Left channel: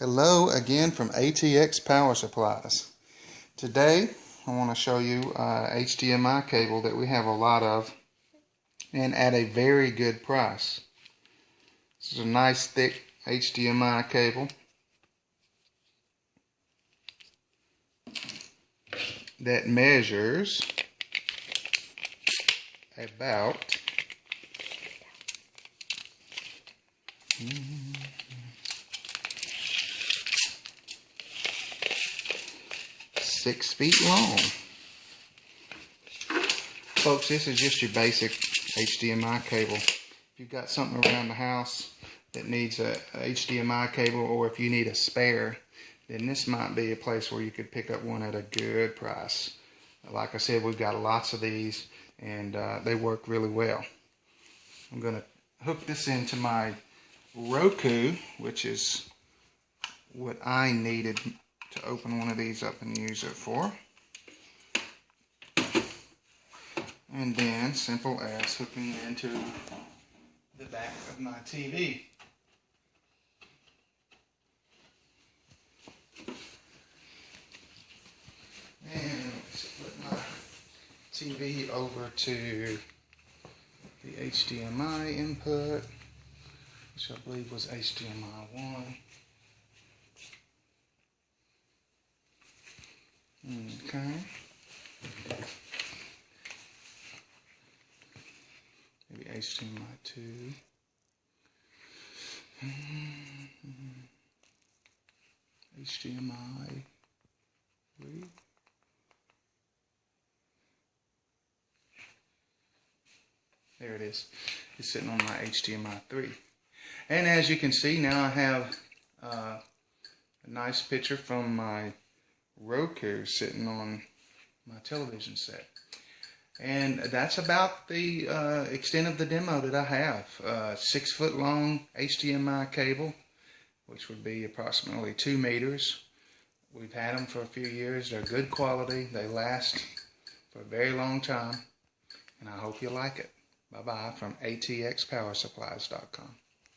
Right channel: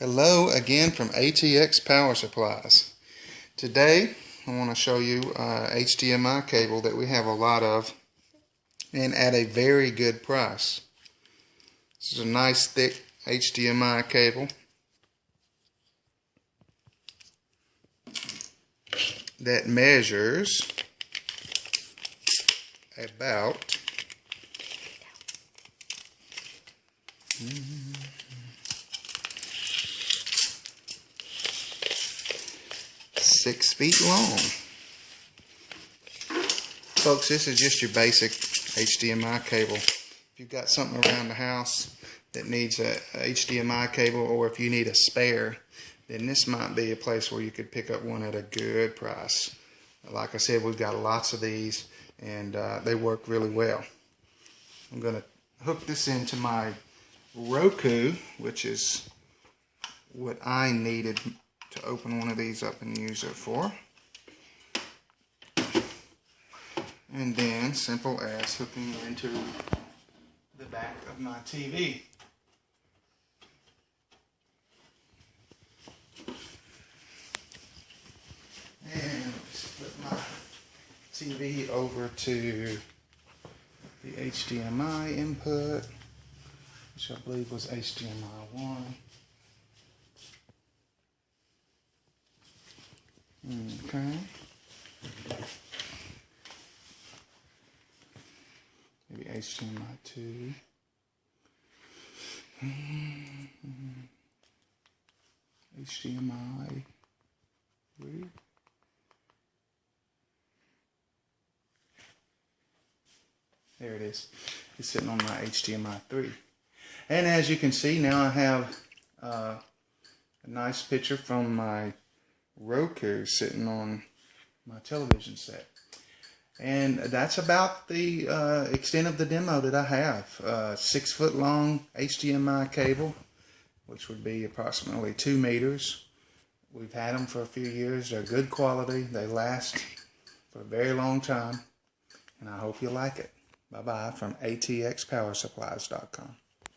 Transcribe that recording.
Hello again from ATX Power Supplies. Today I want to show you HDMI cable that we have a lot of and at a very good price. This is a nice thick HDMI cable that measures about 6 feet long. Folks, this is just your basic HDMI cable. If you've got something around the house that needs a HDMI cable, or if you need a spare, then this might be a place where you could pick up one at a good price. Like I said, we've got lots of these and they work really well. I'm going to hook this into my Roku, which is what I needed to open one of these up and use it for. And then, simple as hooking it into the back of my TV. And let's flip my TV over to the HDMI input, which I believe was HDMI 1. Okay. Maybe HDMI 2. HDMI 3. There it is. It's sitting on my HDMI 3. And as you can see, now I have a nice picture from my Roku sitting on my television set. And that's about the extent of the demo that I have. 6 foot long HDMI cable, which would be approximately 2 meters. We've had them for a few years. They're good quality. They last for a very long time. And I hope you like it. Bye-bye from ATXPowerSupplies.com.